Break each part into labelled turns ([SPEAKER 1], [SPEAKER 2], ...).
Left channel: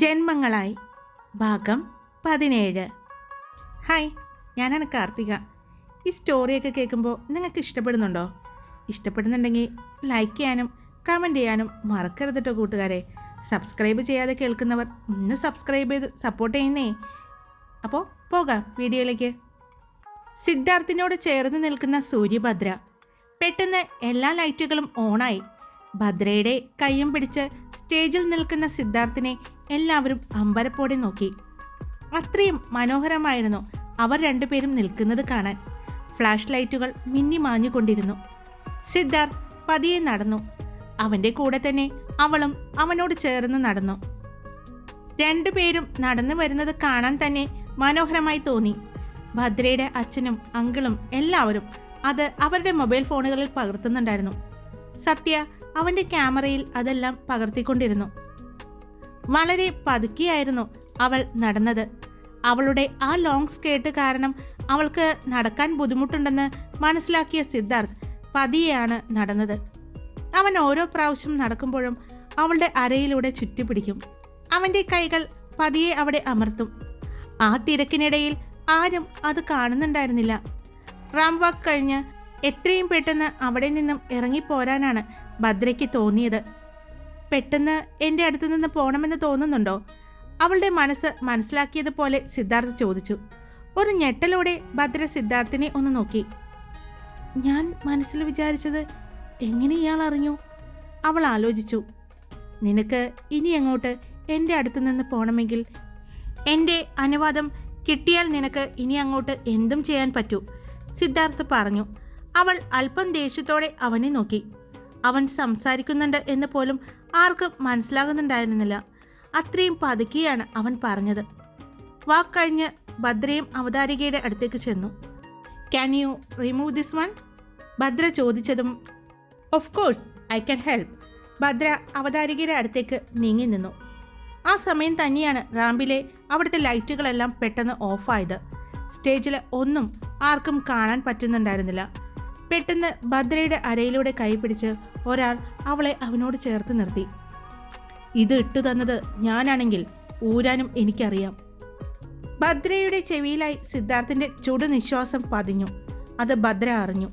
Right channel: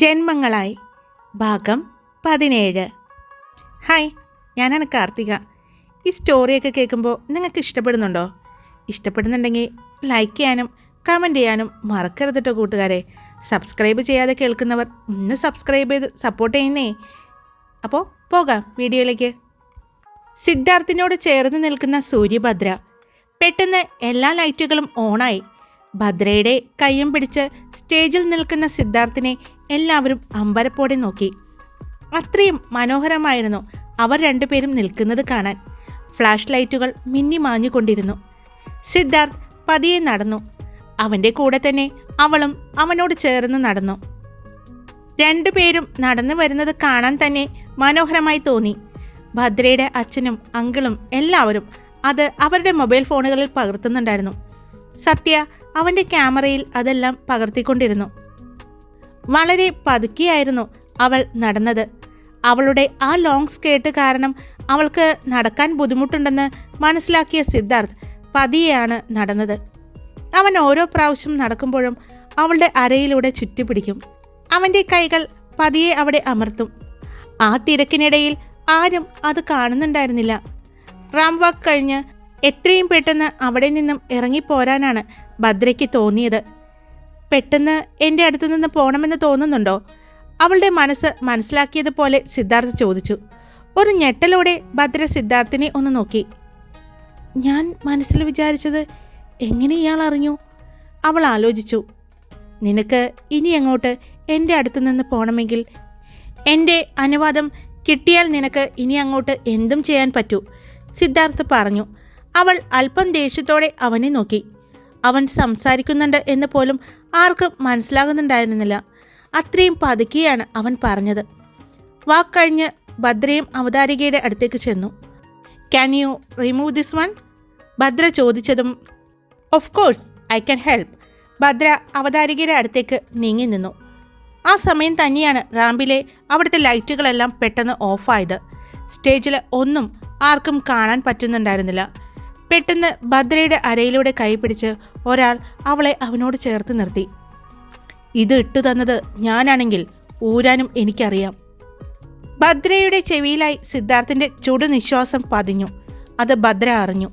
[SPEAKER 1] ജന്മങ്ങളായി. ഭാഗം പതിനേഴ്. ഹായ് ഞാനാണ് കാർത്തിക. ഈ സ്റ്റോറിയൊക്കെ കേൾക്കുമ്പോൾ നിങ്ങൾക്ക് ഇഷ്ടപ്പെടുന്നുണ്ടോ? ഇഷ്ടപ്പെടുന്നുണ്ടെങ്കിൽ ലൈക്ക് ചെയ്യാനും കമന്റ് ചെയ്യാനും മറക്കരുത് കേട്ടോ കൂട്ടുകാരെ. സബ്സ്ക്രൈബ് ചെയ്യാതെ കേൾക്കുന്നവർ ഒന്ന് സബ്സ്ക്രൈബ് ചെയ്ത് സപ്പോർട്ട് ചെയ്യുന്നേ. അപ്പോൾ പോകാം വീഡിയോയിലേക്ക്. സിദ്ധാർത്ഥിനോട് ചേർന്ന് നിൽക്കുന്ന സൂര്യഭദ്ര പെട്ടെന്ന് എല്ലാ ലൈറ്റുകളും ഓണായി. ഭദ്രയുടെ കയ്യും പിടിച്ച് സ്റ്റേജിൽ നിൽക്കുന്ന സിദ്ധാർത്ഥിനെ എല്ലാവരും അമ്പരപ്പോടെ നോക്കി. അത്രയും മനോഹരമായിരുന്നു അവർ രണ്ടുപേരും നിൽക്കുന്നത് കാണാൻ. ഫ്ലാഷ് ലൈറ്റുകൾ മിന്നി മാഞ്ഞുകൊണ്ടിരുന്നു. സിദ്ധാർത്ഥ് പതിയെ നടന്നു. അവന്റെ കൂടെ തന്നെ അവളും അവനോട് ചേർന്ന് നടന്നു. രണ്ടുപേരും നടന്നു വരുന്നത് കാണാൻ തന്നെ മനോഹരമായി തോന്നി. ഭദ്രയുടെ അച്ഛനും അങ്കിളും എല്ലാവരും അത് അവരുടെ മൊബൈൽ ഫോണുകളിൽ പകർത്തുന്നുണ്ടായിരുന്നു. സത്യ അവന്റെ ക്യാമറയിൽ അതെല്ലാം പകർത്തിക്കൊണ്ടിരുന്നു. വളരെ പതുക്കിയായിരുന്നു അവൾ നടന്നത്. അവളുടെ ആ ലോങ് സ്കേർട്ട് കാരണം അവൾക്ക് നടക്കാൻ ബുദ്ധിമുട്ടുണ്ടെന്ന് മനസ്സിലാക്കിയ സിദ്ധാർത്ഥ് പതിയെയാണ് നടന്നത്. അവൻ ഓരോ പ്രാവശ്യം നടക്കുമ്പോഴും അവളുടെ അരയിലൂടെ ചുറ്റിപ്പിടിക്കും. അവന്റെ കൈകൾ പതിയെ അവിടെ അമർത്തും. ആ തിരക്കിനിടയിൽ ആരും അത് കാണുന്നുണ്ടായിരുന്നില്ല. റാം വാക്ക് കഴിഞ്ഞ് എത്രയും പെട്ടെന്ന് അവിടെ നിന്നും ഇറങ്ങിപ്പോരാനാണ് ഭദ്രയ്ക്ക് തോന്നിയത്. പെട്ടെന്ന് എന്റെ അടുത്തു നിന്ന് പോകണമെന്ന് തോന്നുന്നുണ്ടോ? അവളുടെ മനസ്സ് മനസ്സിലാക്കിയതുപോലെ സിദ്ധാർത്ഥ് ചോദിച്ചു. ഒരു ഞെട്ടലോടെ ഭദ്ര സിദ്ധാർത്ഥിനെ ഒന്ന് നോക്കി. ഞാൻ മനസ്സിൽ വിചാരിച്ചത് എങ്ങനെ ഇയാൾ അറിഞ്ഞു? അവൾ ആലോചിച്ചു. നിനക്ക് ഇനി അങ്ങോട്ട് എന്റെ അടുത്തു നിന്ന് പോകണമെങ്കിൽ എന്റെ അനുവാദം കിട്ടിയാൽ നിനക്ക് ഇനി അങ്ങോട്ട് എന്തും ചെയ്യാൻ പറ്റൂ സിദ്ധാർത്ഥ് പറഞ്ഞു. അവൾ അല്പം ദേഷ്യത്തോടെ അവനെ നോക്കി. അവൻ സംസാരിക്കുന്നുണ്ട് എന്ന് പോലും ആർക്കും മനസ്സിലാകുന്നുണ്ടായിരുന്നില്ല. അത്രയും പതുക്കെയാണ് അവൻ പറഞ്ഞത്. വാക്കഴിഞ്ഞ് ഭദ്രയും അവതാരികയുടെ അടുത്തേക്ക് ചെന്നു. Can you remove this one Bhadra ചോദിച്ചതും of course I can help Bhadra അവതാരികയുടെ അടുത്തേക്ക് നീങ്ങി നിന്നു. ആ സമയം തന്നെയാണ് റാമ്പിലെ അവിടുത്തെ ലൈറ്റുകളെല്ലാം പെട്ടെന്ന് ഓഫായത്. സ്റ്റേജിൽ ഒന്നും ആർക്കും കാണാൻ പറ്റുന്നുണ്ടായിരുന്നില്ല. പെട്ടെന്ന് ഭദ്രയുടെ അരയിലൂടെ കൈപിടിച്ച് ഒരാൾ അവളെ അവനോട് ചേർത്ത് നിർത്തി. ഇത് ഇട്ടു തന്നത് ഞാനാണെങ്കിൽ ഊരാനും എനിക്കറിയാം. ഭദ്രയുടെ ചെവിയിലായി സിദ്ധാർത്ഥിന്റെ ചുടു നിശ്വാസം പതിഞ്ഞു. അത് ഭദ്ര അറിഞ്ഞു.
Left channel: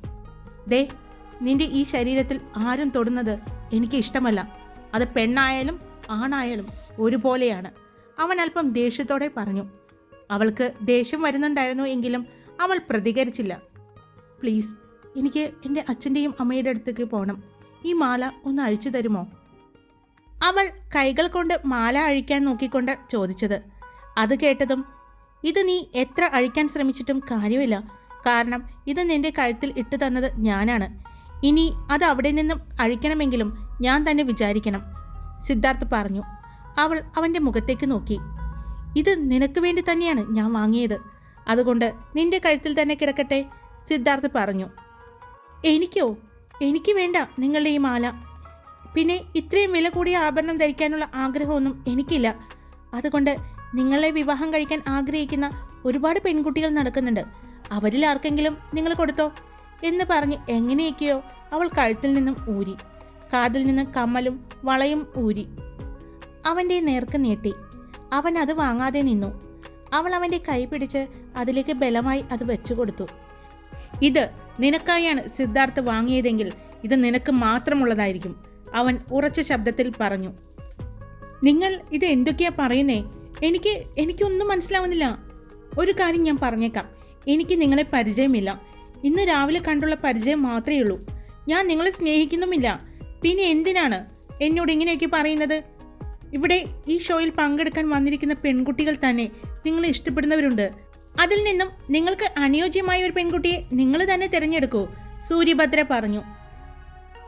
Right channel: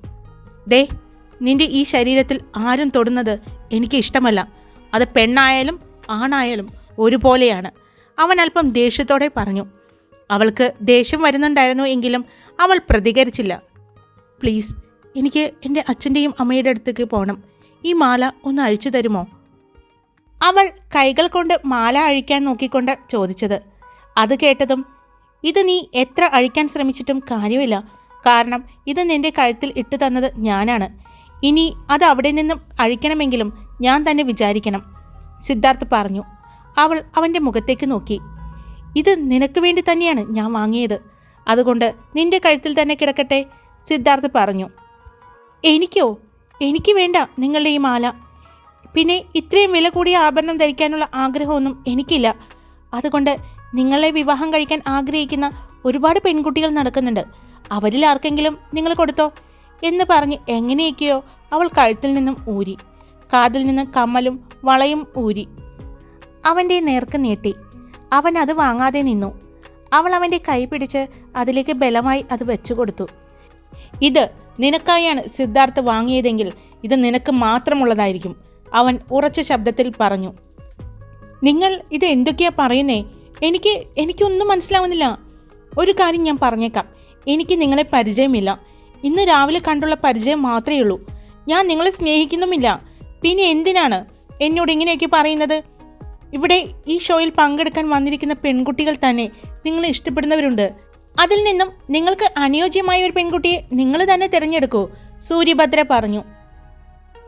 [SPEAKER 1] ദേ നിന്റെ ഈ ശരീരത്തിൽ ആരും തൊടുന്നത് എനിക്ക് ഇഷ്ടമല്ല. അത് പെണ്ണായാലും ആണായാലും ഒരുപോലെയാണ്. അവൻ അല്പം ദേഷ്യത്തോടെ പറഞ്ഞു. അവൾക്ക് ദേഷ്യം വരുന്നുണ്ടായിരുന്നു എങ്കിലും അവൾ പ്രതികരിച്ചില്ല. പ്ലീസ് എനിക്ക് എന്റെ അച്ഛന്റെയും അമ്മയുടെ അടുത്തേക്ക് പോകണം ഈ മാല ഒന്ന് അഴിച്ചു തരുമോ? അവൾ കൈകൾ കൊണ്ട് മാല അഴിക്കാൻ നോക്കിക്കൊണ്ട് ചോദിച്ചത്. അത് കേട്ടതും ഇത് നീ എത്ര അഴിക്കാൻ ശ്രമിച്ചിട്ടും കാര്യമില്ല. കാരണം ഇത് നിന്റെ കഴുത്തിൽ ഇട്ടു തന്നത് ഞാനാണ്. ഇനി അത് അവിടെ നിന്നും അഴിക്കണമെങ്കിലും ഞാൻ തന്നെ വിചാരിക്കണം. സിദ്ധാർത്ഥ് പറഞ്ഞു. അവൾ അവന്റെ മുഖത്തേക്ക് നോക്കി. ഇത് നിനക്ക് വേണ്ടി തന്നെയാണ് ഞാൻ വാങ്ങിയത്. അതുകൊണ്ട് നിന്റെ കഴുത്തിൽ തന്നെ കിടക്കട്ടെ സിദ്ധാർത്ഥ് പറഞ്ഞു. എനിക്കോ? എനിക്ക് വേണ്ട നിങ്ങളുടെ ഈ മാല. പിന്നെ ഇത്രയും വില കൂടിയ ആഭരണം ധരിക്കാനുള്ള ആഗ്രഹമൊന്നും എനിക്കില്ല. അതുകൊണ്ട് നിങ്ങളെ വിവാഹം കഴിക്കാൻ ആഗ്രഹിക്കുന്ന ഒരുപാട് പെൺകുട്ടികൾ നടക്കുന്നുണ്ട്. അവരിൽ ആർക്കെങ്കിലും നിങ്ങൾ കൊടുത്തോ? എന്ന് പറഞ്ഞ് എങ്ങനെയൊക്കെയോ അവൾ കഴുത്തിൽ നിന്നും ഊരി കാതിൽ നിന്ന് കമ്മലും വളയും ഊരി. അവന്റെ നേർക്ക് നീട്ടി. അവൻ അത് വാങ്ങാതെ നിന്നു. അവൾ അവന്റെ കൈ പിടിച്ച് അതിലേക്ക് ബലമായി അത് വെച്ചു കൊടുത്തു. ഇത് നിനക്കായാണ് സിദ്ധാർത്ഥ് വാങ്ങിയതെങ്കിൽ ഇത് നിനക്ക് മാത്രമുള്ളതായിരിക്കും അവൻ ഉറച്ച ശബ്ദത്തിൽ പറഞ്ഞു. നിങ്ങൾ ഇത് എന്തൊക്കെയാ പറയുന്നേ? എനിക്ക് എനിക്കൊന്നും മനസ്സിലാവുന്നില്ല. ഒരു കാര്യം ഞാൻ പറഞ്ഞേക്കാം. എനിക്ക് നിങ്ങളെ പരിചയമില്ല. ഇന്ന് രാവിലെ കണ്ടുള്ള പരിചയം മാത്രമേ ഉള്ളൂ. ഞാൻ നിങ്ങളെ സ്നേഹിക്കുന്നുമില്ല. പിന്നെ എന്തിനാണ് എന്നോട് ഇങ്ങനെയൊക്കെ പറയുന്നത്? ഇവിടെ ഈ ഷോയിൽ പങ്കെടുക്കാൻ വന്നിരിക്കുന്ന പെൺകുട്ടികൾ തന്നെ നിങ്ങളെ ഇഷ്ടപ്പെടുന്നവരുണ്ട്. അതിൽ നിന്നും നിങ്ങൾക്ക് അനുയോജ്യമായ ഒരു പെൺകുട്ടിയെ നിങ്ങൾ തന്നെ തിരഞ്ഞെടുക്കൂ സൂര്യഭദ്ര പറഞ്ഞു.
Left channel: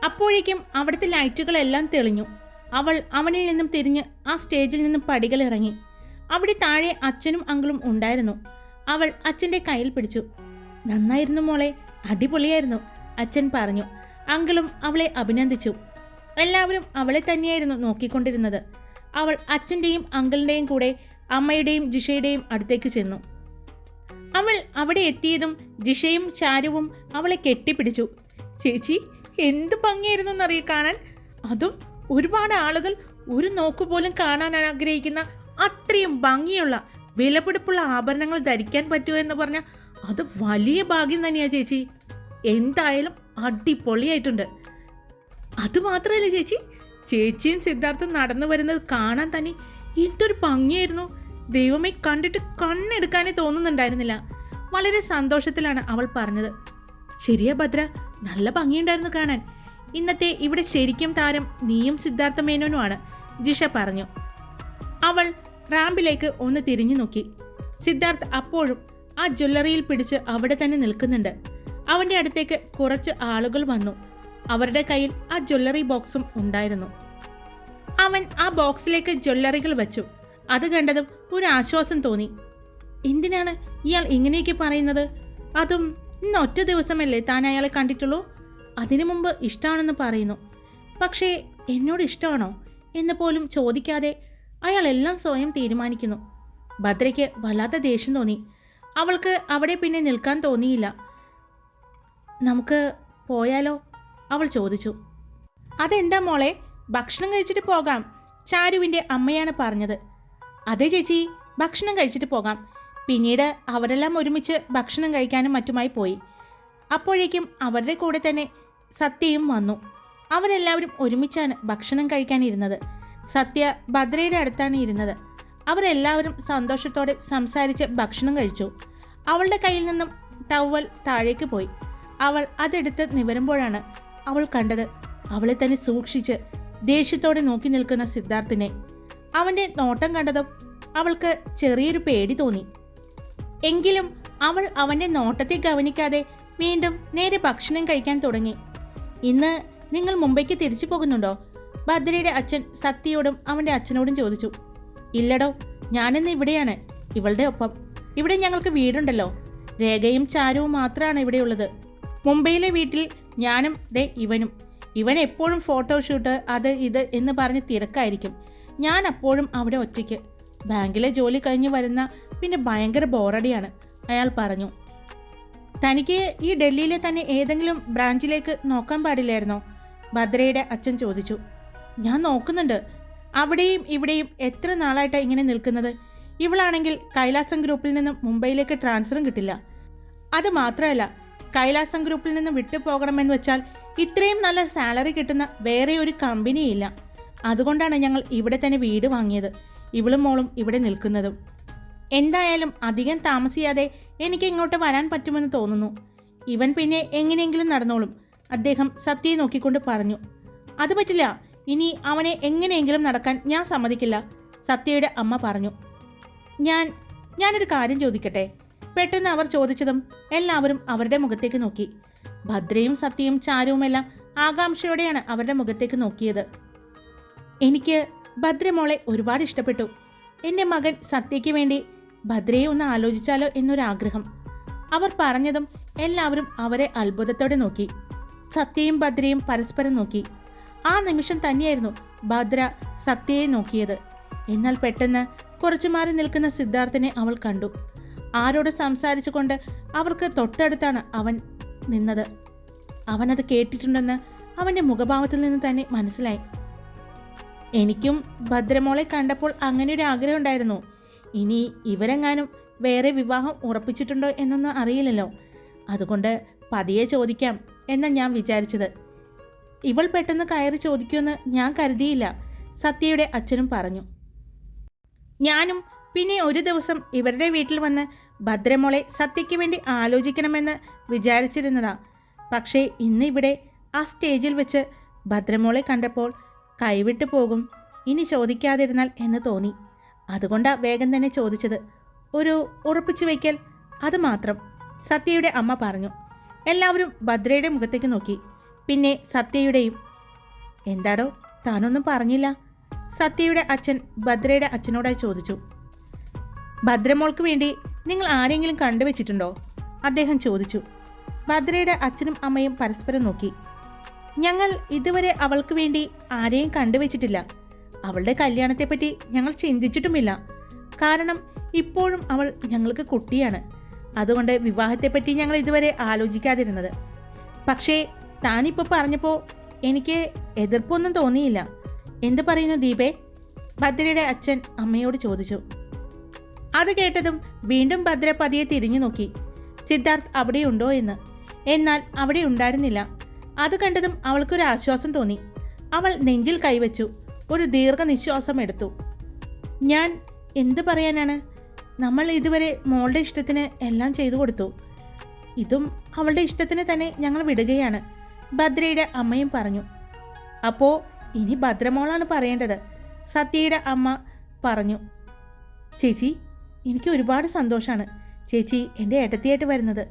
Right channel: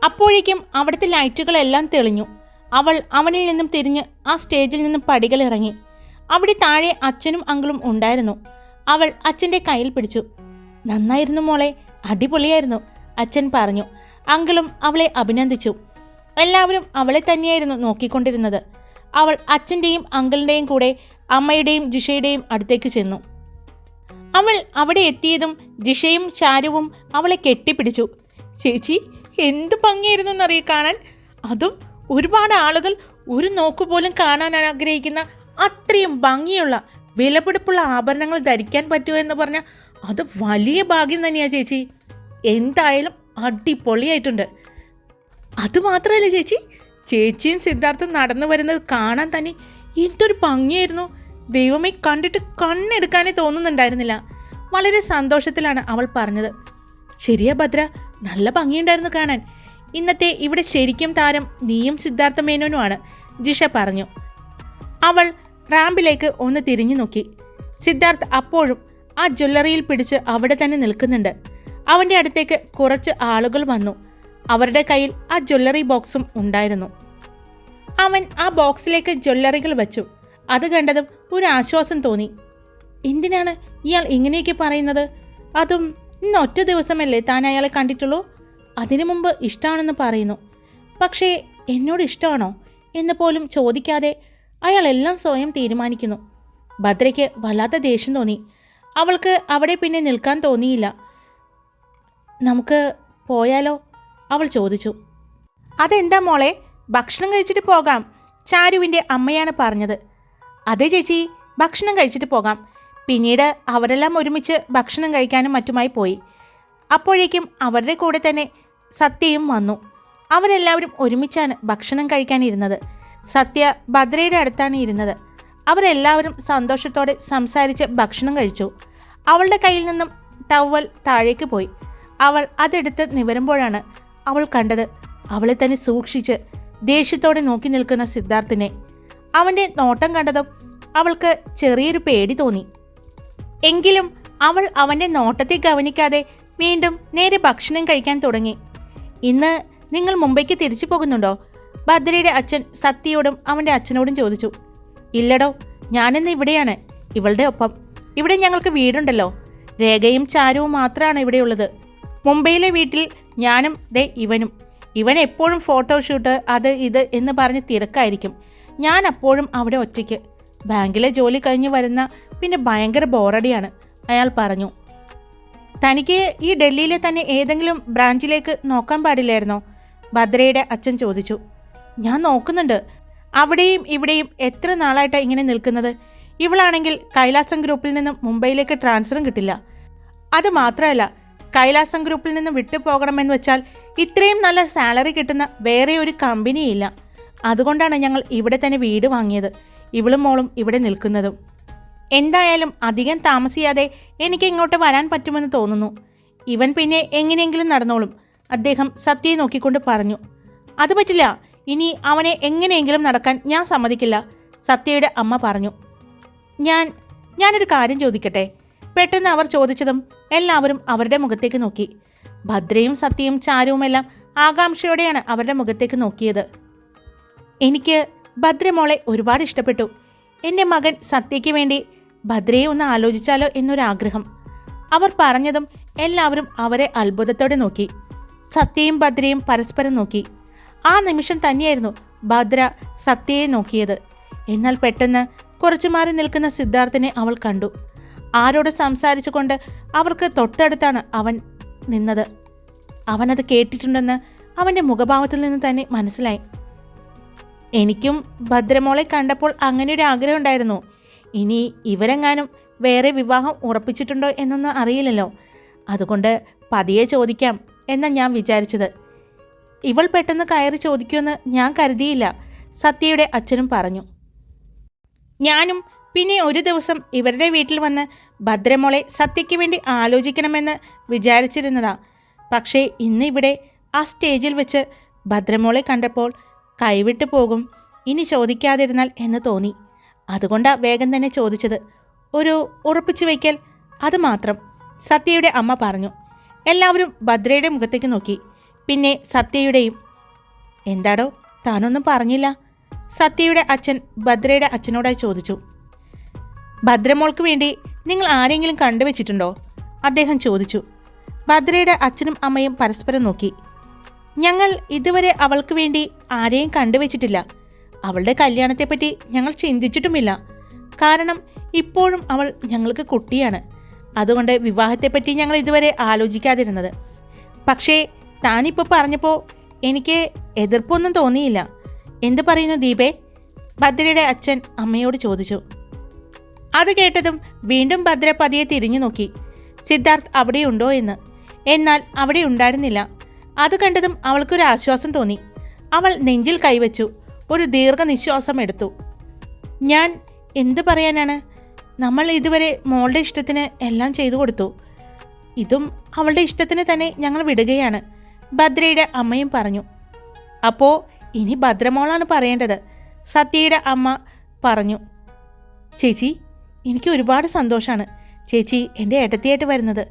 [SPEAKER 1] അപ്പോഴേക്കും അവിടുത്തെ ലൈറ്റുകളെല്ലാം തെളിഞ്ഞു. അവൾ അവനിൽ നിന്നും തിരിഞ്ഞ് ആ സ്റ്റേജിൽ നിന്നും പടികൾ ഇറങ്ങി അവിടെ താഴെ അച്ഛനും അങ്കിളും ഉണ്ടായിരുന്നു. അവൾ അച്ഛന്റെ കയ്യിൽ പിടിച്ചു. നന്നായിരുന്നു മോളെ അടിപൊളിയായിരുന്നു അച്ഛൻ പറഞ്ഞു. അങ്കിളും അവളെ അഭിനന്ദിച്ചു. എല്ലാവരും അവളെ തന്നെയായിരുന്നു നോക്കിക്കൊണ്ടിരുന്നത്. അവൾ അച്ഛന്റെയും അങ്കിളിന്റെയും കൂടെ അമ്മയുടെയും ജിഷയുടെയും അടുത്തേക്ക് ചെന്നു. അവൾ അവിടെ എത്തിയതും ജിഷയും ചാരുവും അവളെ കെട്ടിപ്പിടിച്ചു. ചേച്ചി എന്ത് ഭംഗിയായിരുന്നു എന്നറിയ കാണാൻ? അതും ഒരുപാട് ആളുകൾ ഒരു നോക്ക് പോലും കാണാൻ ആഗ്രഹിക്കുന്ന അത്രയും ഭംഗിയുള്ള വിലപിടിപ്പുള്ള ആഭരണങ്ങൾ ധരിക്കാൻ പറ്റുമോ എന്ന് പറഞ്ഞാൽ അത് വലിയ ഭാഗ്യം തന്നെയാണ് ചേച്ചി. എന്തായാലും അടിപൊളിയായിട്ടുണ്ട്. അതുമാത്രമല്ല ചേച്ചി ചേച്ചിയും സിദ്ധാർത്ഥം നടന്നു വരുന്നത് കാണാൻ തന്നെ എന്തൊരു ഭംഗിയായിരുന്നു. ദൈവമേ കണ്ടിട്ട് കണ്ണെടുക്കാനേ തോന്നുന്നുണ്ടായിരുന്നില്ല. വളരെ സന്തോഷത്തിലാണ് അവൾ പറഞ്ഞത്. ശരിയാ ഭദ്ര നല്ല ഭംഗിയുണ്ടായിരുന്നു കാണാൻ. ഇന്നത്തെ ഇവിടെ ശരിക്കും താരം നീയും സിദ്ധാർത്ഥ മേനോനുമാണ് ജിഷ പറഞ്ഞു. അവൾ റാമ്പിലേക്ക് ഒന്ന് തിരിഞ്ഞു നോക്കി. സിദ്ധാർത്ഥ് അപ്പോഴും ആ ജ്വല്ലറിയിൽ പിടിച്ച് അവിടെ തന്നെ നിൽക്കുന്നുണ്ട്. അവന്റെ അടുത്തേക്ക് കുറച്ച് ആളുകൾ വന്നു. അവരുടെ കയ്യിൽ ആ ജ്വല്ലറി ബോക്സും ഉണ്ടായിരുന്നു. അവൻ ആ ബോക്സിലേക്ക് ജ്വല്ലറികൾ വെച്ചു. അത് കണ്ടതും ഒരു ആശ്വാസം തോന്നി. എന്തിനാണ് ഇയാൾ ഇങ്ങനെയൊക്കെ പറയുന്നത്? അതും ഇന്ന് ഒറ്റ ദിവസമല്ലേ താൻ അയാളെ കണ്ടിട്ടുള്ളൂ? അതിനു മുമ്പ് ഇഷ്ടമാണെന്ന് പറയുന്നു. പക്ഷേ എന്നോട് ഇഷ്ടമാണോ എന്ന് പോലും ചോദിക്കാതെ അയാൾ എല്ലാം സ്വയം തീരുമാനിക്കുന്നു. ഭദ്രയ്ക്ക് വല്ലാത്ത ദേഷ്യം തോന്നി. അവൾക്ക് അവിടെ പിന്നെ നിൽക്കാൻ തോന്നിയില്ല. നമുക്ക് പോയാലോ? അവൾ ചോദിച്ചു. അതെന്താ മോളെ? ഭക്ഷണം കഴിച്ചിട്ട് പോകാം ചാരുവിന്റെ അമ്മയാണ് പറഞ്ഞത്. അതെ ചേച്ചി. ഭക്ഷണം കഴിച്ചിട്ട് പോകാം. പിന്നീട് അവരെല്ലാം ഒരുമിച്ച് ഭക്ഷണം കഴിക്കാനും മറ്റുമായി പോയി. അപ്പോഴേക്കും അവരുടെ കൂടെ തന്നെ സത്യയും വന്നു. അവരെല്ലാവരും ഒരുമിച്ചാണ് ഭക്ഷണം കഴിക്കാനിരുന്നത്. സത്യ ഭദ്രയുടെ അടുത്താണ് ഇരുന്നത്. അവരെല്ലാവരും സന്തോഷത്തോടെ സംസാരിച്ച് ഭക്ഷണം കഴിച്ചു. അവളുടെ കയ്യിൽ നിന്നും ടവൽ താഴേക്ക് പോയി. അവൾ അതെടുത്ത് നിവരുമ്പോഴാണ് അവൾ കണ്ടത്. അവളെ തന്നെ സൂക്ഷിച്ച് ദേഷ്യത്തോടെ നോക്കി നിൽക്കുന്ന സിദ്ധാർത്ഥിനെ. അവന്റെ നോട്ടം കണ്ടതും അവൾക്ക് ചെറിയൊരു പേടി തോന്നി. എങ്കിലും അവൾ അവന്റെ നോട്ടത്തെ ഗവനിക്കാതെ വീണ്ടും നേരെ ഭക്ഷണം കഴിക്കാൻ തുടങ്ങി. ഇന്ന് നിങ്ങൾ മുംബൈക്ക് തിരിച്ചു പോകുന്നുണ്ടോ? ഭദ്രയുടെ അച്ഛൻ സത്യയോടും അവന്റെ അച്ഛനോടും ചോദിച്ചു. ഇല്ലടോ ഞാനിന്ന് ഇവിടെയാണ് ഇവളുടെ ഒപ്പം. ഇവിടെ ഞങ്ങൾക്ക് വീടുണ്ടല്ലോ. രേഖയും ചാരുവും മാത്രമാണ് ഇവിടെയുള്ളത്. മുംബൈയിലെ വീട്ടിൽ ഞാനും ദേ ഇവനും. ഇവൻ എപ്പോഴും ഫോട്ടോഷൂട്ട് അത് ഇത് എന്ന് പറഞ്ഞ് തിരക്കായിരിക്കും. ഞാൻ അപ്പോഴും അവിടെ ഒറ്റയ്ക്ക്. ബാങ്കിലെ ജോലി കഴിഞ്ഞ് വരുന്ന പിന്നെ ഭയങ്കര ബോറടിയാണ്. അയാൾ പറഞ്ഞു തനിക്ക് ഈ ഡൽഹിയിലെ തന്നെ ഏതെങ്കിലും ബ്രാഞ്ചിലേക്ക് നോക്കാൻ പാടില്ലായിരുന്നോ? ഭദ്രയുടെ അച്ഛൻ ചോദിച്ചു ഞാൻ നോക്കുന്നുണ്ട്. അവിടെയും ഇവിടെയും എത്ര നാളായിട്ടാണ് ഇങ്ങനെ നിൽക്കുന്നത്? ഇവളാണെങ്കിൽ കൈലാസം ഗ്രൂപ്പിൽ നിന്നും മുംബൈയിലേക്ക് ട്രാൻസ്ഫറും കിട്ടില്ല. അത് മാത്രമല്ല കൈലാസം ഗ്രൂപ്പിൽ നിന്ന് വിട്ടു പോകണമെന്ന് വെച്ചാൽ ഇത്രയും നല്ല സാലറി കിട്ടുന്ന വേറെ ഒരു കമ്പനിയില്ല അതുകൊണ്ടാണ് ഞങ്ങൾ ഇവിടെ തന്നെ വീട് വാങ്ങിയത് ഇവളും മോളും ഇവിടെ നിൽക്കുന്നതും. എന്തായാലും അധികം താമസിയാതെ എനിക്ക് ഇങ്ങോട്ട് വരാൻ പറ്റുമെന്ന് തോന്നുന്നു. ഇവൻ പിന്നെ എങ്ങനെയെങ്കിലും നടന്നോളും അദ്ദേഹം സത്യയെ നോക്കിക്കൊണ്ട് പറഞ്ഞു. അത് പറ്റില്ല ഇനി അവനെ എങ്ങനെയെങ്കിലും നടക്കാൻ ഞാൻ സമ്മതിക്കില്ല സത്യയുടെ അമ്മ പറഞ്ഞു. ഞാൻ ഞാനൊരു കാര്യം ചോദിക്കട്ടെ? പെട്ടെന്ന് അവർ ചോദിച്ചതും എല്ലാവരും അവരുടെ മുഖത്തേക്ക് നോക്കി. ഭദ്രയും സത്യയും ചാരുവുമെല്ലാം ആകാംക്ഷയോടെയാണ് അവരുടെ മുഖത്തേക്ക് നോക്കിയത്. എനിക്ക് ഭദ്രമോളെ ഒരുപാട് ഇഷ്ടപ്പെട്ടു. എന്റെ മകൻ സത്യയ്ക്ക് വേണ്ടി ഭദ്രയെ ഒന്ന് ആലോചിച്ചാലോ എന്നൊരാഗ്രഹം. അവർ പറഞ്ഞതും എല്ലാവരും അവരെ അത്ഭുതത്തോടെ നോക്കി. സത്യയും ഭദ്രയും പരസ്പരം നോക്കി. ആ നിമിഷം തന്നെയായിരുന്നു ഭദ്ര സത്യയെ നോക്കിയത്. എന്നാൽ പെട്ടെന്ന് കുറച്ചു മാറി നിൽക്കുന്ന സിദ്ധാർത്ഥിനെ അവൾ കണ്ടു. ആരോട് സംസാരിച്ചുകൊണ്ട് അവർക്ക് തൊട്ടടുത്താണ് അവൻ നിന്നത്. അവനത് കേട്ടിട്ടുണ്ടെന്ന് അവന്റെ മുഖഭാവത്തിൽ നിന്ന് തന്നെ മനസ്സിലായി. എനിക്കും ഭദ്രമോളെ കണ്ടപ്പോൾ അങ്ങനെ ഒരു ആഗ്രഹം ഉണ്ടായിരുന്നു. ഇനി ഇവരെങ്ങാനും വേറെ വിവാഹം ഉറപ്പിച്ചിട്ടുണ്ടോ എന്നൊന്നും അറിയില്ലല്ലോ. അതുകൊണ്ട് പതിയെ ചോദിക്കാം എന്നാണ് ഞാൻ വിചാരിച്ചത്. ഇവൾ പെട്ടെന്ന് കയറി ചോദിക്കുമെന്ന് ഞാൻ കരുതിയില്ല. സത്യയുടെ അച്ഛനും പറഞ്ഞു. ഞാനും പിന്നെ ഒരു ദിവസം ഇവരുടെ വീട്ടിൽ വന്ന് ഭദ്രമോളെ സത്യയ്ക്ക് വേണ്ടി ആലോചിക്കണമെന്ന് വിചാരിച്ചിരുന്നതാ. പക്ഷേ ഇന്നിവിടെ ആ സ്റ്റേജിൽ വെച്ച് ഭദ്രമോളെ കണ്ടപ്പോൾ കൈവിട്ടു പോകും. ഇനി ചോദിക്കാതിരുന്നാൽ എന്ന് തോന്നി. അതുകൊണ്ടാ വേഗം തന്നെ ചോദിച്ചത്. ഒരു ഉറപ്പിച്ചു വയ്ക്കൽ അത് മാത്രം സത്യയുടെ അമ്മ പറഞ്ഞു. എല്ലാവരും ഭദ്രയുടെ മുഖത്തേക്ക് നോക്കി. പിന്നെ സത്യയുടെയും എന്താടോ താനൊന്നും പറഞ്ഞില്ല. സത്യയുടെ അച്ഛൻ ഭദ്രയുടെ അച്ഛനോടായി ചോദിച്ചു. ഭദ്രമോൾക്ക് വേണ്ടി നിങ്ങൾ ആരെങ്കിലും കണ്ടുവച്ചിട്ടുണ്ടോ? അദ്ദേഹം ചോദിച്ചു. ഭദ്രയുടെ അച്ഛനും അമ്മയും പരസ്പരം നോക്കി. ഞങ്ങൾ ഇതുവരെ അവൾക്ക് വേണ്ടി ആരെയും കണ്ടുവച്ചിട്ടില്ല. അവളുടെ കല്യാണത്തെപ്പറ്റി ഞങ്ങൾ ചിന്തിച്ചിട്ടുമില്ല. കാരണം ഇപ്പോഴും അവൾ ഞങ്ങൾക്ക് കുട്ടിയാണ്. അതുകൊണ്ട് വിവാഹത്തെപ്പറ്റി ഞങ്ങൾ ഇതുവരെ ആലോചിക്കാതിരുന്നത്. പക്ഷേ താനിപ്പോൾ പറഞ്ഞപ്പോൾ എനിക്ക് എതിർപ്പൊന്നും തോന്നിയില്ല. എന്ത് പറയുന്നു ദീപേ? ഭദ്രയുടെ അച്ഛൻ അമ്മയോട് ചോദിച്ചു. അത് കേട്ടതും വീണ്ടും ഭദ്ര പതിയെ തിരിഞ്ഞു നോക്കി സിദ്ധാർത്ഥ് അവിടെയുണ്ടോ എന്ന്. എന്നാൽ അവിടെ ഉണ്ടായിരുന്നില്ല. അത് കണ്ടതും അവൾക്കൊരു ആശ്വാസം തോന്നി. അവൾ നെഞ്ചിൽ കൈവച്ചു ഒരു ദീർഘനിശ്വാസം എടുത്തു. ഞാൻ എന്ത് പറയാനാണ്? നമ്മൾ ഇതുവരെ മോളുടെ ഇഷ്ടത്തിന് എല്ലാം ചെയ്തു കൊടുത്തു. ഇതും അവളുടെ ഇഷ്ടത്തിന് തന്നെ ഞങ്ങൾ വിടുകയാണ് ഭദ്രയുടെ അമ്മയും പറഞ്ഞു. അപ്പോൾ ഇനി ഭദ്രമോളാണ് പറയേണ്ടത് സത്യയുടെ അമ്മ പറഞ്ഞു. ചേച്ചി എനിക്ക് ഒരുപാട് സന്തോഷമാണ് ചേച്ചി എന്റെ ഏട്ടത്തിയായിട്ട് വരുന്നത്.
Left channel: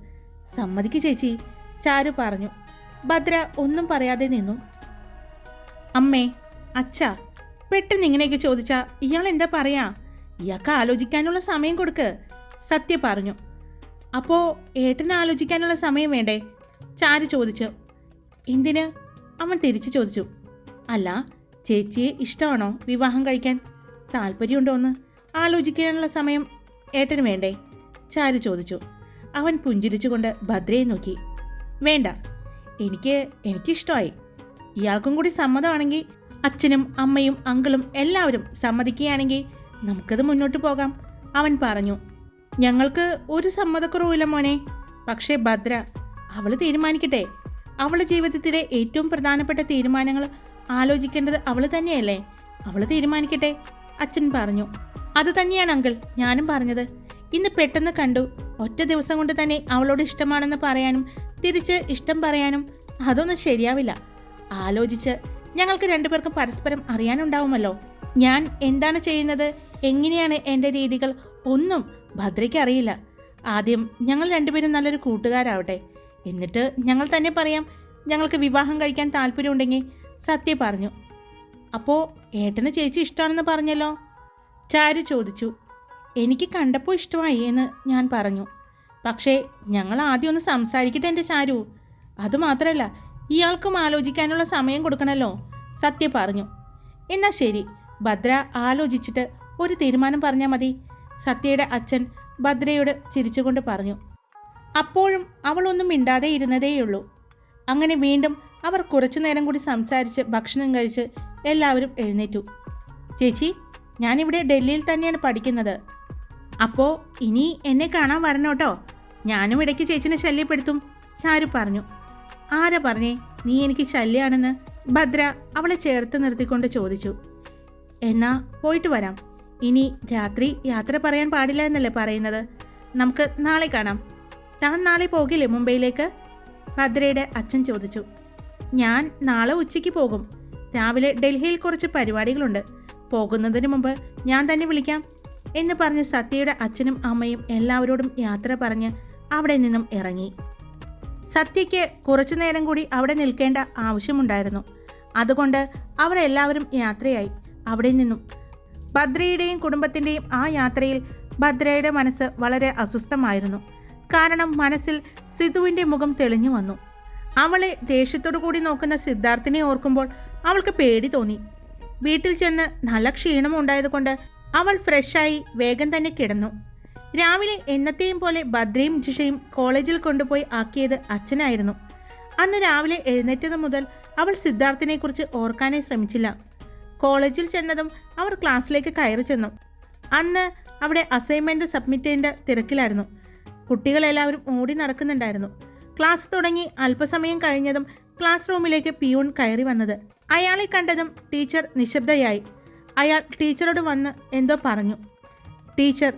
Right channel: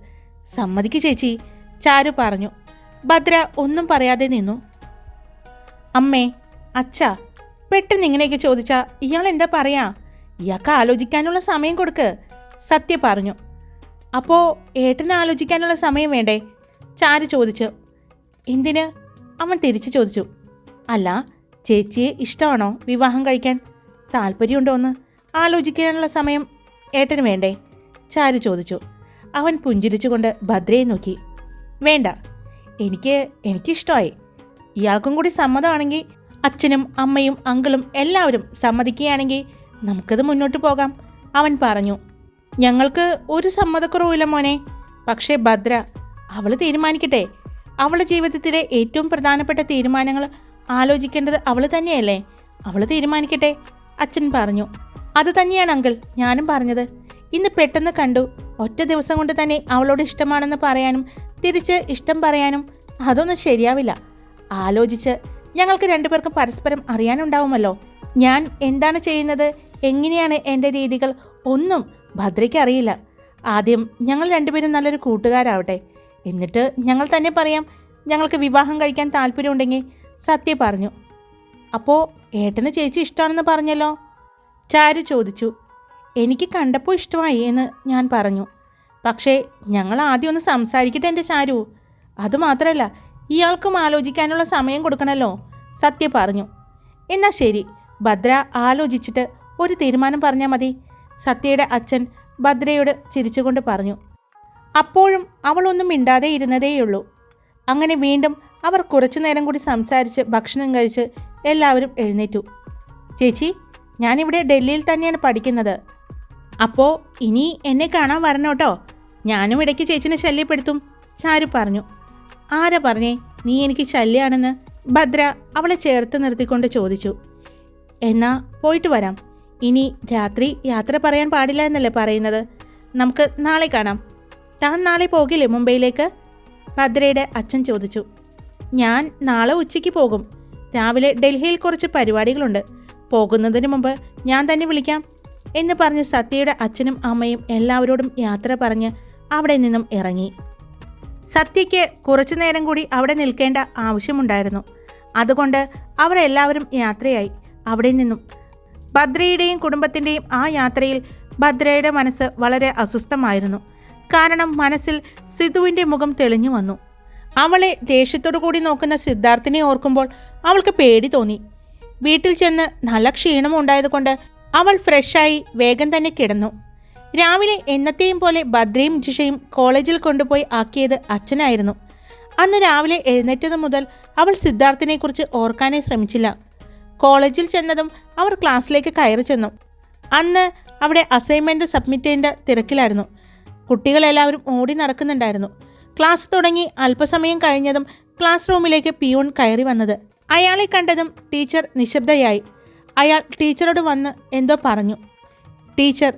[SPEAKER 1] സമ്മതിക്ക് ചേച്ചി ചാരു പറഞ്ഞു. ഭദ്ര ഒന്നും പറയാതെ നിന്നു. അമ്മേ അച്ഛ പെട്ടെന്ന് ഇങ്ങനെയൊക്കെ ചോദിച്ചാ ഇയാൾ എന്താ പറയാ? ഇയാൾക്ക് ആലോചിക്കാനുള്ള സമയം കൊടുക്ക് സത്യ പറഞ്ഞു. അപ്പോൾ ഏട്ടന് ആലോചിക്കാനുള്ള സമയം വേണ്ടേ? ചാരു ചോദിച്ചു. എന്തിന്? അവൻ തിരിച്ചു ചോദിച്ചു. അല്ല ചേച്ചിയെ ഇഷ്ടമാണോ വിവാഹം കഴിക്കാൻ? താല്പര്യമുണ്ടോന്ന് ആലോചിക്കാനുള്ള സമയം ഏട്ടന് വേണ്ടേ? ചാരു ചോദിച്ചു. അവൻ പുഞ്ചിരിച്ചുകൊണ്ട് ഭദ്രയെ നോക്കി. വേണ്ട എനിക്ക് എനിക്കിഷ്ടമായി ഇയാൾക്കും കൂടി സമ്മതമാണെങ്കിൽ അച്ഛനും അമ്മയും അങ്കിളും എല്ലാവരും സമ്മതിക്കുകയാണെങ്കിൽ നമുക്കത് മുന്നോട്ട് പോകാം അവൻ പറഞ്ഞു. ഞങ്ങൾക്ക് ഒരു സമ്മതക്കുറവില്ല മോനെ. പക്ഷേ ഭദ്ര അവൾ തീരുമാനിക്കട്ടെ. അവളുടെ ജീവിതത്തിലെ ഏറ്റവും പ്രധാനപ്പെട്ട തീരുമാനങ്ങൾ ആലോചിക്കേണ്ടത് അവൾ തന്നെയല്ലേ? അവൾ തീരുമാനിക്കട്ടെ അച്ഛൻ പറഞ്ഞു. അത് തന്നെയാണ് അങ്കിൾ ഞാനും പറഞ്ഞത്. ഇന്ന് പെട്ടെന്ന് കണ്ടു. ഒറ്റ ദിവസം കൊണ്ട് തന്നെ അവളോട് ഇഷ്ടമാണെന്ന് പറയാനും തിരിച്ച് ഇഷ്ടം പറയാനും അതൊന്നും ശരിയാവില്ല. ആലോചിച്ച് ഞങ്ങൾക്ക് രണ്ടുപേർക്കും പരസ്പരം അറിയാനുണ്ടാവുമല്ലോ. ഞാൻ എന്താണ് ചെയ്യുന്നത്? എങ്ങനെയാണ് എന്റെ രീതികൾ? ഒന്നും ഭദ്രയ്ക്ക് അറിയില്ല ആദ്യം ഞങ്ങൾ രണ്ടുപേരും നല്ലൊരു കൂട്ടുകാരാവട്ടെ. എന്നിട്ട് ഞങ്ങൾ തന്നെ പറയാം ഞങ്ങൾക്ക് വിവാഹം കഴിക്കാൻ താല്പര്യമുണ്ടെങ്കിൽ സത്യ പറഞ്ഞു. അപ്പോൾ ഏട്ടന് ചേച്ചി ഇഷ്ടമാണെന്ന് പറഞ്ഞല്ലോ? ചാരു ചോദിച്ചു. എനിക്ക് കണ്ടപ്പോൾ ഇഷ്ടമായി എന്ന് ഞാൻ പറഞ്ഞു. പക്ഷേ ഞങ്ങൾ ആദ്യം ഒന്ന് സംസാരിക്കട്ടെ എന്റെ ചാരു. അതുമാത്രമല്ല ഇയാൾക്കും ആലോചിക്കാനുള്ള സമയം കൊടുക്കണമല്ലോ സത്യ പറഞ്ഞു. എന്നാൽ ശരി. ഭദ്ര ആലോചിച്ചിട്ട് ഒരു തീരുമാനം പറഞ്ഞാൽ മതി. സത്യയുടെ അച്ഛൻ ഭദ്രയോട് ചിരിച്ചുകൊണ്ട് പറഞ്ഞു. അപ്പോഴും അവളൊന്നും മിണ്ടാതെ ഇരുന്നതേയുള്ളൂ. അങ്ങനെ വീണ്ടും അവർ കുറച്ചു നേരം കൂടി സംസാരിച്ച് ഭക്ഷണം കഴിച്ച് എല്ലാവരും എഴുന്നേറ്റു. ചേച്ചി ഞാനിവിടെ ഡൽഹിയിൽ തന്നെയാണ് പഠിക്കുന്നത്. അപ്പോൾ ഇനി എന്നെ കാണാൻ വരണോട്ടോ? ഞാനും ഇടയ്ക്ക് ചേച്ചിനെ ശല്യപ്പെടുത്തും. ചാരു പറഞ്ഞു ആരാ പറഞ്ഞേ? നീ എനിക്ക് ശല്യാണെന്ന്. ഭദ്ര അവളെ ചേർത്ത് നിർത്തിക്കൊണ്ട് ചോദിച്ചു എന്നാ പോയിട്ട് വരാം. ഇനി രാത്രി യാത്ര പറയാൻ പാടില്ല എന്നല്ലേ പറയുന്നത്? നമുക്ക് നാളെ കാണാം. താൻ നാളെ പോകില്ലേ മുംബൈയിലേക്ക്? ഭദ്രയുടെ അച്ഛൻ ചോദിച്ചു ഞാൻ നാളെ ഉച്ചയ്ക്ക് പോകും. രാവിലെ ഡൽഹിയിൽ കുറച്ച് പരിപാടികളുണ്ട്. പോകുന്നതിന് മുമ്പ് ഞാൻ തന്നെ വിളിക്കാം. എന്ന് പറഞ്ഞ് സത്യയുടെ അച്ഛനും അമ്മയും എല്ലാവരോടും യാത്ര പറഞ്ഞ് അവിടെ നിന്നും ഇറങ്ങി. സത്യയ്ക്ക് കുറച്ചു നേരം കൂടി അവിടെ നിൽക്കേണ്ട ആവശ്യമുണ്ടായിരുന്നു. അതുകൊണ്ട് അവരെല്ലാവരും യാത്രയായി. അവിടെ നിന്നും ഭദ്രയുടെയും കുടുംബത്തിന്റെയും ആ യാത്രയിൽ ഭദ്രയുടെ മനസ്സ് വളരെ അസ്വസ്ഥമായിരുന്നു. കാരണം മനസ്സിൽ സിധുവിന്റെ മുഖം തെളിഞ്ഞു വന്നു. അവളെ ദേഷ്യത്തോടു കൂടി നോക്കുന്ന സിദ്ധാർത്ഥിനെ ഓർക്കുമ്പോൾ അവൾക്ക് പേടി തോന്നി. വീട്ടിൽ ചെന്ന് നല്ല ക്ഷീണമുണ്ടായതുകൊണ്ട് അവൾ ഫ്രഷായി വേഗം തന്നെ കിടന്നു. രാവിലെ എന്നത്തെയും പോലെ ഭദ്രയും ജിഷയും കോളേജിൽ കൊണ്ടുപോയി ആക്കിയത് അച്ഛനായിരുന്നു. അന്ന് രാവിലെ എഴുന്നേറ്റത് മുതൽ അവൾ സിദ്ധാർത്ഥിനെക്കുറിച്ച് ഓർക്കാനേ ശ്രമിച്ചില്ല. കോളേജിൽ ചെന്നതും അവർ ക്ലാസ്സിലേക്ക് കയറി ചെന്നു. അന്ന് അവിടെ അസൈൻമെന്റ് സബ്മിറ്റ് ചെയ്യേണ്ട തിരക്കിലായിരുന്നു. കുട്ടികളെല്ലാവരും ഓടി നടക്കുന്നുണ്ടായിരുന്നു. ക്ലാസ് തുടങ്ങി അല്പസമയം കഴിഞ്ഞതും ക്ലാസ് റൂമിലേക്ക് പിയൂൺ കയറി വന്നത്. അയാളെ കണ്ടതും ടീച്ചർ നിശബ്ദയായി. അയാൾ ടീച്ചറോട് വന്ന് എന്തോ പറഞ്ഞു. ടീച്ചർ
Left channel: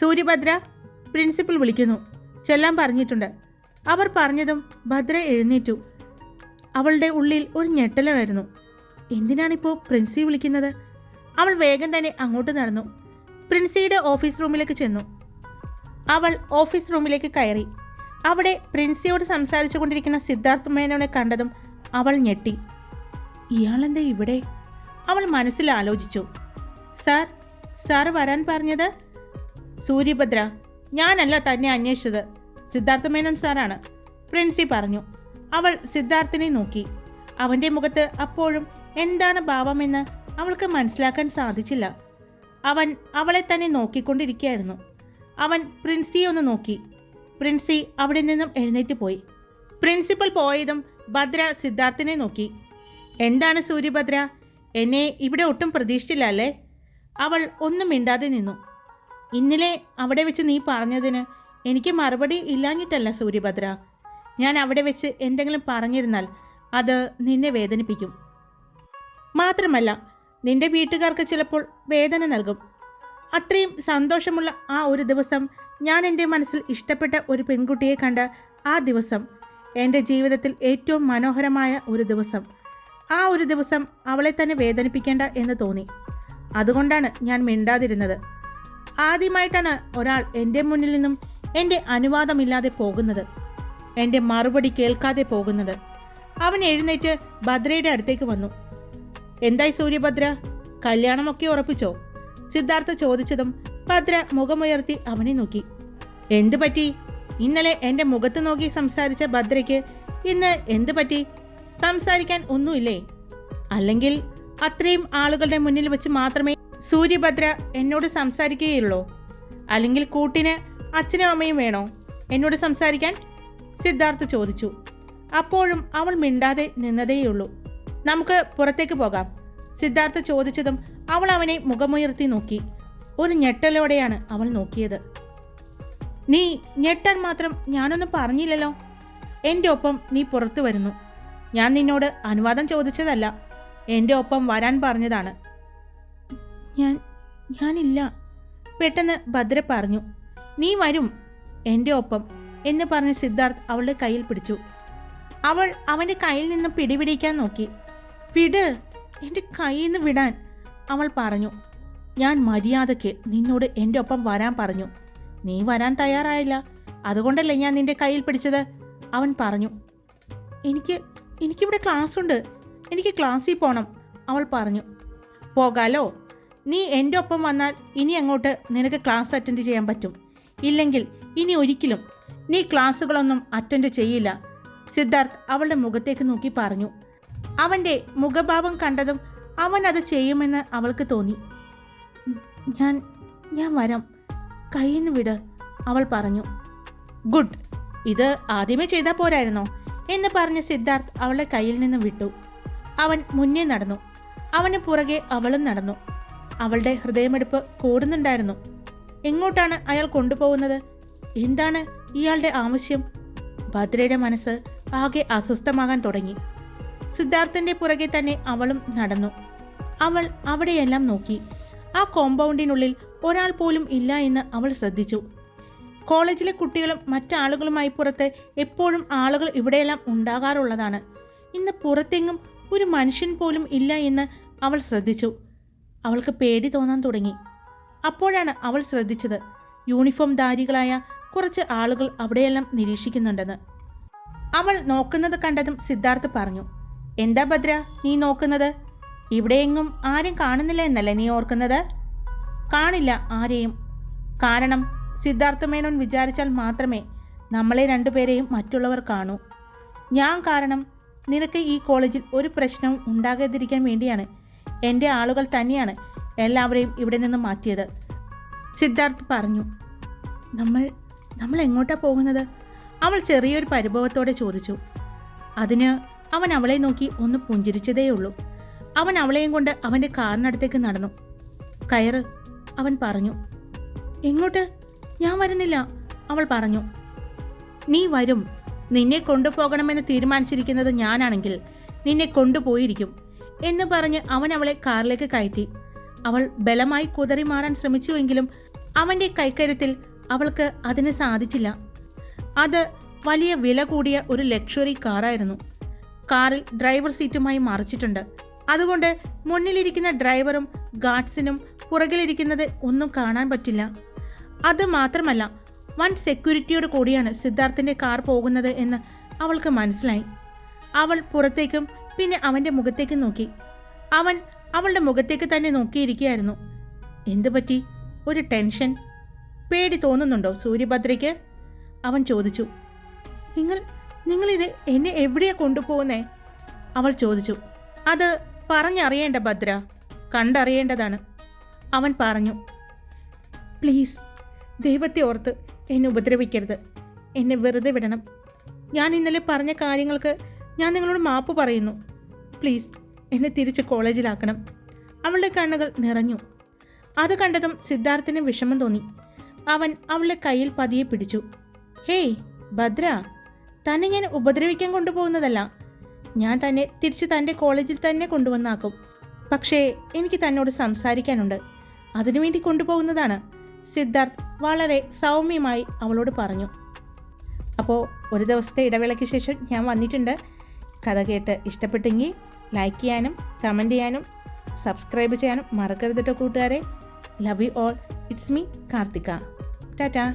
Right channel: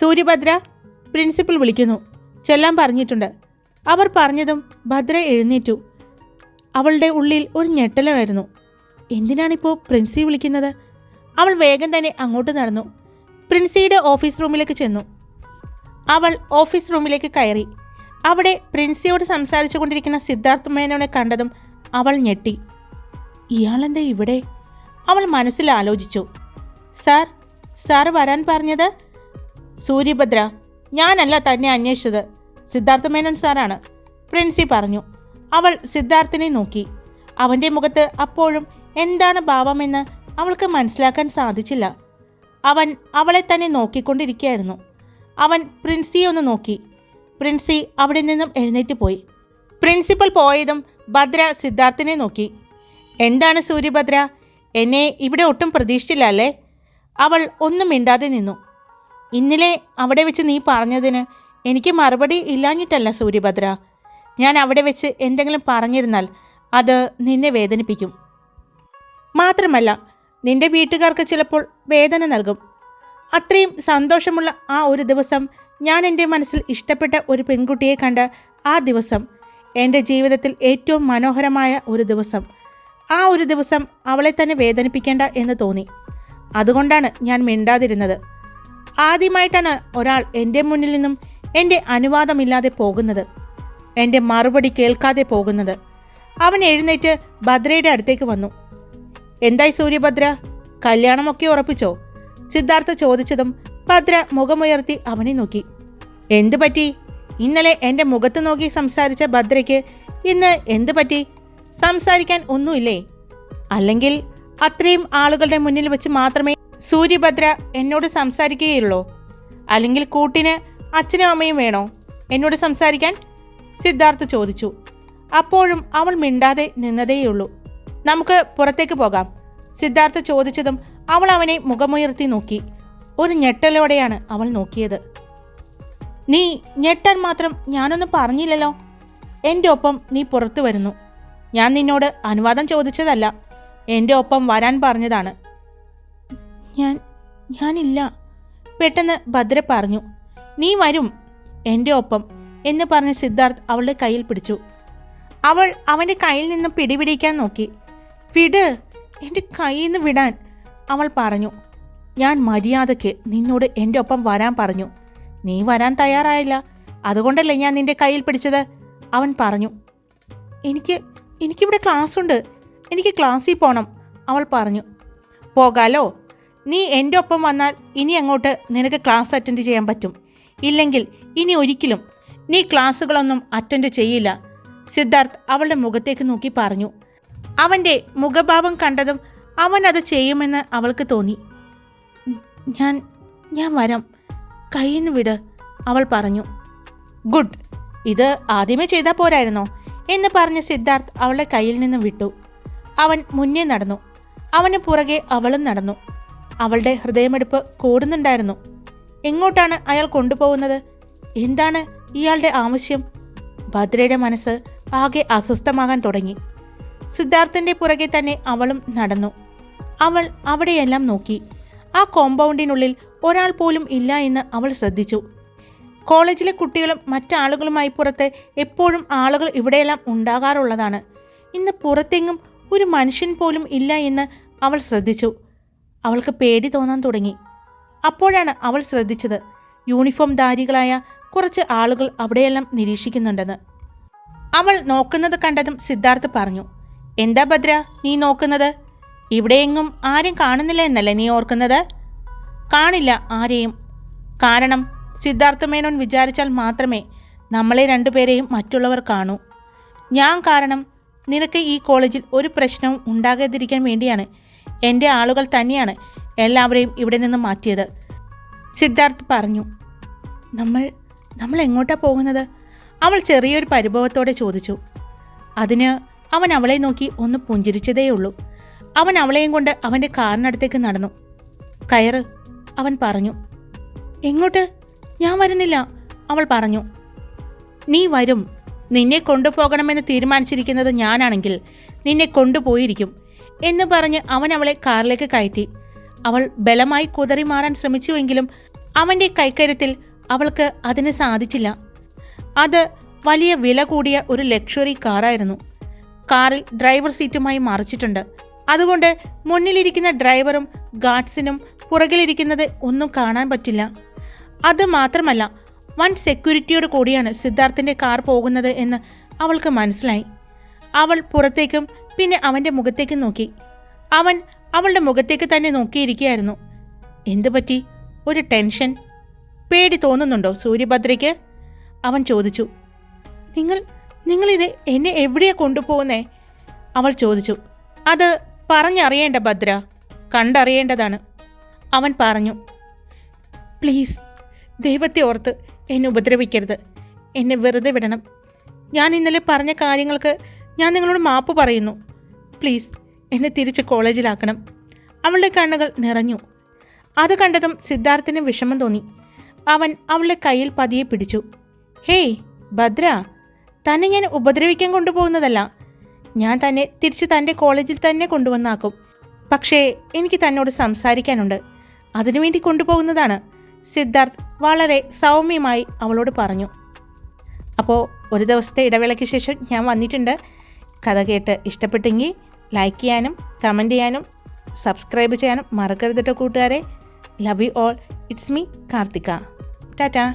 [SPEAKER 1] സൂര്യഭദ്ര പ്രിൻസിപ്പൽ വിളിക്കുന്നു. ചെല്ലാൻ പറഞ്ഞിട്ടുണ്ട്. അവർ പറഞ്ഞതും ഭദ്ര എഴുന്നേറ്റു. അവളുടെ ഉള്ളിൽ ഒരു ഞെട്ടലായിരുന്നു. എന്തിനാണിപ്പോൾ പ്രിൻസി വിളിക്കുന്നത്? അവൾ വേഗം തന്നെ അങ്ങോട്ട് നടന്നു. പ്രിൻസിയുടെ ഓഫീസ് റൂമിലേക്ക് ചെന്നു. അവൾ ഓഫീസ് റൂമിലേക്ക് കയറി. അവിടെ പ്രിൻസിയോട് സംസാരിച്ചു കൊണ്ടിരിക്കുന്ന സിദ്ധാർത്ഥ് മേനോനെ കണ്ടതും അവൾ ഞെട്ടി. ഇയാളെന്താ ഇവിടെ? അവൾ മനസ്സിൽ ആലോചിച്ചു. സാർ സാർ വരാൻ പറഞ്ഞത് സൂര്യഭദ്ര ഞാനല്ല തന്നെ അന്വേഷിച്ചത്. സിദ്ധാർത്ഥ മേനോൻ സാറാണ്. പ്രിൻസി പറഞ്ഞു. അവൾ സിദ്ധാർത്ഥിനെ നോക്കി. അവന്റെ മുഖത്ത് അപ്പോഴും എന്താണ് ഭാവമെന്ന് അവൾക്ക് മനസ്സിലാക്കാൻ സാധിച്ചില്ല. അവൻ അവളെ തന്നെ നോക്കിക്കൊണ്ടിരിക്കുകയായിരുന്നു. അവൻ പ്രിൻസിയെ ഒന്ന് നോക്കി. പ്രിൻസി അവിടെ നിന്നും എഴുന്നേറ്റ് പോയി. പ്രിൻസിപ്പൽ പോയതും ഭദ്ര സിദ്ധാർത്ഥിനെ നോക്കി. എന്താണ് സൂര്യഭദ്ര? എന്നെ ഇവിടെ ഒട്ടും പ്രതീക്ഷിച്ചില്ല അല്ലേ? അവൾ ഒന്നും മിണ്ടാതെ നിന്നു. ഇന്നലെ അവിടെ വെച്ച് നീ പറഞ്ഞതിന് എനിക്ക് മറുപടി ഇല്ലാഞ്ഞിട്ടല്ല സൂര്യഭദ്ര. ഞാൻ അവിടെ വെച്ച് എന്തെങ്കിലും പറഞ്ഞിരുന്നാൽ അത് നിന്നെ വേദനിപ്പിക്കും. മാത്രമല്ല നിന്റെ വീട്ടുകാർക്ക് ചിലപ്പോൾ വേദന നൽകും. അത്രയും സന്തോഷമുള്ള ആ ഒരു ദിവസം ഞാൻ എന്റെ മനസ്സിൽ ഇഷ്ടപ്പെട്ട ഒരു പെൺകുട്ടിയെ കണ്ട ആ ദിവസം എന്റെ ജീവിതത്തിൽ ഏറ്റവും മനോഹരമായ ഒരു ദിവസം. ആ ഒരു ദിവസം അവളെ തന്നെ വേദനിപ്പിക്കേണ്ട എന്ന് തോന്നി. അതുകൊണ്ടാണ് ഞാൻ മിണ്ടാതിരുന്നത്. ആദ്യമായിട്ടാണ് ഒരാൾ എന്റെ മുന്നിൽ നിന്നും എന്റെ അനുവാദമില്ലാതെ പോകുന്നത്. എന്റെ മറുപടി കേൾക്കാതെ പോകുന്നത്. അവൻ എഴുന്നേറ്റ് ഭദ്രയുടെ അടുത്തേക്ക് വന്നു. എന്തായി സൂര്യഭദ്ര? കല്യാണമൊക്കെ ഉറപ്പിച്ചോ? സിദ്ധാർത്ഥ ചോദിച്ചതും ഭദ്ര മുഖമുയർത്തി അവനെ നോക്കി. എന്തു പറ്റി? ഇന്നലെ എന്റെ മുഖത്ത് നോക്കി സംസാരിച്ച ഭദ്രയ്ക്ക് ഇന്ന് എന്തു പറ്റി? സംസാരിക്കാൻ ഒന്നുമില്ലേ? അല്ലെങ്കിൽ അത്രയും ആളുകളുടെ മുന്നിൽ വെച്ച് മാത്രമേ സൂര്യഭദ്ര എന്നോട് സംസാരിക്കുകയുള്ളൂ? അല്ലെങ്കിൽ കൂട്ടിന് അച്ഛനും അമ്മയും വേണോ? എന്നോട് സംസാരിക്കാൻ? സിദ്ധാർത്ഥ് ചോദിച്ചു. അപ്പോഴും അവൾ മിണ്ടാതെ നിന്നതേയുള്ളൂ. നമുക്ക് പുറത്തേക്ക് പോകാം. സിദ്ധാർത്ഥ ചോദിച്ചതും അവൾ അവനെ മുഖമുയർത്തി നോക്കി. ഒരു ഞെട്ടലോടെയാണ് അവൾ നോക്കിയത്. നീ ഞെട്ടാൻ മാത്രം ഞാനൊന്നും പറഞ്ഞില്ലല്ലോ. എന്റെ ഒപ്പം നീ പുറത്തു വരുന്നു. ഞാൻ നിന്നോട് അനുവാദം ചോദിച്ചതല്ല. എന്റെ ഒപ്പം വരാൻ പറഞ്ഞതാണ്. ഞാൻ ഞാനില്ല. പെട്ടെന്ന് ഭദ്ര പറഞ്ഞു നീ വരും. എന്റെ ഒപ്പം എന്ന് പറഞ്ഞ സിദ്ധാർത്ഥ് അവളുടെ കയ്യിൽ പിടിച്ചു. അവൾ അവന്റെ കയ്യിൽ നിന്നും പിടിപിടിക്കാൻ നോക്കി. വിട് എന്റെ കയ്യിൽ നിന്ന് വിടാൻ അവൾ പറഞ്ഞു. ഞാൻ മര്യാദയ്ക്ക് നിന്നോട് എന്റെ ഒപ്പം വരാൻ പറഞ്ഞു. നീ വരാൻ തയ്യാറായില്ല. അതുകൊണ്ടല്ലേ ഞാൻ നിന്റെ കയ്യിൽ പിടിച്ചത്? അവൻ പറഞ്ഞു. എനിക്ക് എനിക്കിവിടെ ക്ലാസ് ഉണ്ട് എനിക്ക് ക്ലാസ്സിൽ പോകണം അവൾ പറഞ്ഞു. പോകാലോ. നീ എന്റെ ഒപ്പം വന്നാൽ ഇനി അങ്ങോട്ട് നിനക്ക് ക്ലാസ് അറ്റൻഡ് ചെയ്യാൻ പറ്റും. ഇല്ലെങ്കിൽ ഇനി ഒരിക്കലും നീ ക്ലാസ്സുകളൊന്നും അറ്റൻഡ് ചെയ്യില്ല. സിദ്ധാർത്ഥ് അവളുടെ മുഖത്തേക്ക് നോക്കി പറഞ്ഞു. അവന്റെ മുഖഭാവം കണ്ടതും അവൻ അത് ചെയ്യുമെന്ന് അവൾക്ക് തോന്നി. ഞാൻ ഞാൻ വരാം. കയ്യിൽ നിന്ന് വിട് അവൾ പറഞ്ഞു. ഗുഡ് ഇത് ആദ്യമേ ചെയ്താൽ പോരായിരുന്നോ? എന്ന് പറഞ്ഞ് സിദ്ധാർത്ഥ് അവളുടെ കയ്യിൽ നിന്ന് വിട്ടു. അവൻ മുന്നേ നടന്നു. അവന് പുറകെ അവളും നടന്നു. അവളുടെ ഹൃദയമെടുപ്പ് കൂടുന്നുണ്ടായിരുന്നു. എങ്ങോട്ടാണ് അയാൾ കൊണ്ടുപോകുന്നത്? എന്താണ് ഇയാളുടെ ആവശ്യം? ഭദ്രയുടെ മനസ്സ് ആകെ അസ്വസ്ഥമാകാൻ തുടങ്ങി. സിദ്ധാർത്ഥന്റെ പുറകെ തന്നെ അവളും നടന്നു. അവൾ അവിടെയെല്ലാം നോക്കി. ആ കോമ്പൗണ്ടിനുള്ളിൽ ഒരാൾ പോലും ഇല്ല എന്ന് അവൾ ശ്രദ്ധിച്ചു. കോളേജിലെ കുട്ടികളും മറ്റാളുകളുമായി പുറത്ത് എപ്പോഴും ആളുകൾ ഇവിടെയെല്ലാം ഉണ്ടാകാറുള്ളതാണ്. ഇന്ന് പുറത്തെങ്ങും ഒരു മനുഷ്യൻ പോലും ഇല്ല എന്ന് അവൾ ശ്രദ്ധിച്ചു. അവൾക്ക് പേടി തോന്നാൻ തുടങ്ങി. അപ്പോഴാണ് അവൾ ശ്രദ്ധിച്ചത്. യൂണിഫോം ധാരികളായ കുറച്ച് ആളുകൾ അവിടെയെല്ലാം നിരീക്ഷിക്കുന്നുണ്ടെന്ന്. അവൾ നോക്കുന്നത് കണ്ടതും സിദ്ധാർത്ഥ് പറഞ്ഞു എന്താ ഭദ്ര നീ നോക്കുന്നത്? ഇവിടെയെങ്ങും ആരും കാണുന്നില്ല എന്നല്ലേ നീ ഓർക്കുന്നത്? കാണില്ല ആരെയും. കാരണം സിദ്ധാർത്ഥ മേനോൻ വിചാരിച്ചാൽ മാത്രമേ നമ്മളെ രണ്ടുപേരെയും മറ്റുള്ളവർ കാണൂ. ഞാൻ കാരണം നിനക്ക് ഈ കോളേജിൽ ഒരു പ്രശ്നവും ഉണ്ടാകാതിരിക്കാൻ വേണ്ടിയാണ് എന്റെ ആളുകൾ തന്നെയാണ് എല്ലാവരെയും ഇവിടെ നിന്ന് മാറ്റിയത്. സിദ്ധാർത്ഥ് പറഞ്ഞു നമ്മൾ നമ്മൾ എങ്ങോട്ടാണ് പോകുന്നത്? അവൾ ചെറിയൊരു പരിഭവത്തോടെ ചോദിച്ചു. അതിന് അവൻ അവളെ നോക്കി ഒന്ന് പുഞ്ചിരിച്ചതേയുള്ളൂ. അവൻ അവളെയും കൊണ്ട് അവന്റെ കാറിനടുത്തേക്ക് നടന്നു. കയറ് അവൻ പറഞ്ഞു. എങ്ങോട്ട്? ഞാൻ വരുന്നില്ല അവൾ പറഞ്ഞു. നീ വരും. നിന്നെ കൊണ്ടുപോകണമെന്ന് തീരുമാനിച്ചിരിക്കുന്നത് ഞാനാണെങ്കിൽ നിന്നെ കൊണ്ടുപോയിരിക്കും. എന്ന് പറഞ്ഞ് അവൻ അവളെ കാറിലേക്ക് കയറ്റി. അവൾ ബലമായി കുതറി മാറാൻ ശ്രമിച്ചുവെങ്കിലും അവന്റെ കൈക്കരുത്തിൽ അവൾക്ക് അതിന് സാധിച്ചില്ല. അത് വലിയ വില കൂടിയ ഒരു ലക്ഷറി കാറായിരുന്നു. കാറിൽ ഡ്രൈവർ സീറ്റുമായി മറിച്ചിട്ടുണ്ട്. അതുകൊണ്ട് മുന്നിലിരിക്കുന്ന ഡ്രൈവറും ഗാർഡ്സിനും പുറകിലിരിക്കുന്നത് ഒന്നും കാണാൻ പറ്റില്ല. അത് മാത്രമല്ല വൻ സെക്യൂരിറ്റിയോട് കൂടിയാണ് സിദ്ധാർത്ഥിന്റെ കാർ പോകുന്നത് എന്ന് അവൾക്ക് മനസ്സിലായി. അവൾ പുറത്തേക്കും പിന്നെ അവന്റെ മുഖത്തേക്ക് നോക്കി. അവൻ അവളുടെ മുഖത്തേക്ക് തന്നെ നോക്കിയിരിക്കുകയായിരുന്നു. എന്തു പറ്റി? ഒരു ടെൻഷൻ? പേടി തോന്നുന്നുണ്ടോ സൂര്യഭദ്രയ്ക്ക്? അവൻ ചോദിച്ചു. നിങ്ങൾ നിങ്ങളിത് എന്നെ എവിടെയാ കൊണ്ടുപോകുന്നേ? അവൾ ചോദിച്ചു. അത് പറഞ്ഞറിയേണ്ട ഭദ്ര കണ്ടറിയേണ്ടതാണ്. അവൻ പറഞ്ഞു. പ്ലീസ് ദൈവത്തെ ഓർത്ത് എന്നെ ഉപദ്രവിക്കരുത്. എന്നെ വെറുതെ വിടണം. ഞാൻ ഇന്നലെ പറഞ്ഞ കാര്യങ്ങൾക്ക് ഞാൻ നിങ്ങളോട് മാപ്പ് പറയുന്നു. പ്ലീസ് എന്നെ തിരിച്ച് കോളേജിലാക്കണം. അവളുടെ കണ്ണുകൾ നിറഞ്ഞു. അത് കണ്ടതും സിദ്ധാർത്ഥിന് വിഷമം തോന്നി. അവൻ അവളുടെ കയ്യിൽ പതിയെ പിടിച്ചു. ഹേയ് ഭദ്ര തന്നെ ഞാൻ ഉപദ്രവിക്കാൻ കൊണ്ടുപോകുന്നതല്ല. ഞാൻ തന്നെ തിരിച്ച് തന്റെ കോളേജിൽ തന്നെ കൊണ്ടുവന്നാക്കും. പക്ഷേ എനിക്ക് തന്നോട് സംസാരിക്കാനുണ്ട്. അതിനുവേണ്ടി കൊണ്ടുപോകുന്നതാണ്. സിദ്ധാർത്ഥ് വളരെ സൗമ്യമായി അവളോട് പറഞ്ഞു. അപ്പോൾ ഒരു ദിവസത്തെ ഇടവേളയ്ക്ക് ശേഷം ഞാൻ വന്നിട്ടുണ്ട്. കഥ കേട്ട് ഇഷ്ടപ്പെട്ടെങ്കിൽ ലൈക്ക് ചെയ്യാനും കമന്റ് ചെയ്യാനും സബ്സ്ക്രൈബ് ചെയ്യാനും മറക്കരുത് കേട്ടോ കൂട്ടുകാരെ. Love you all it's me Karthika. Tata.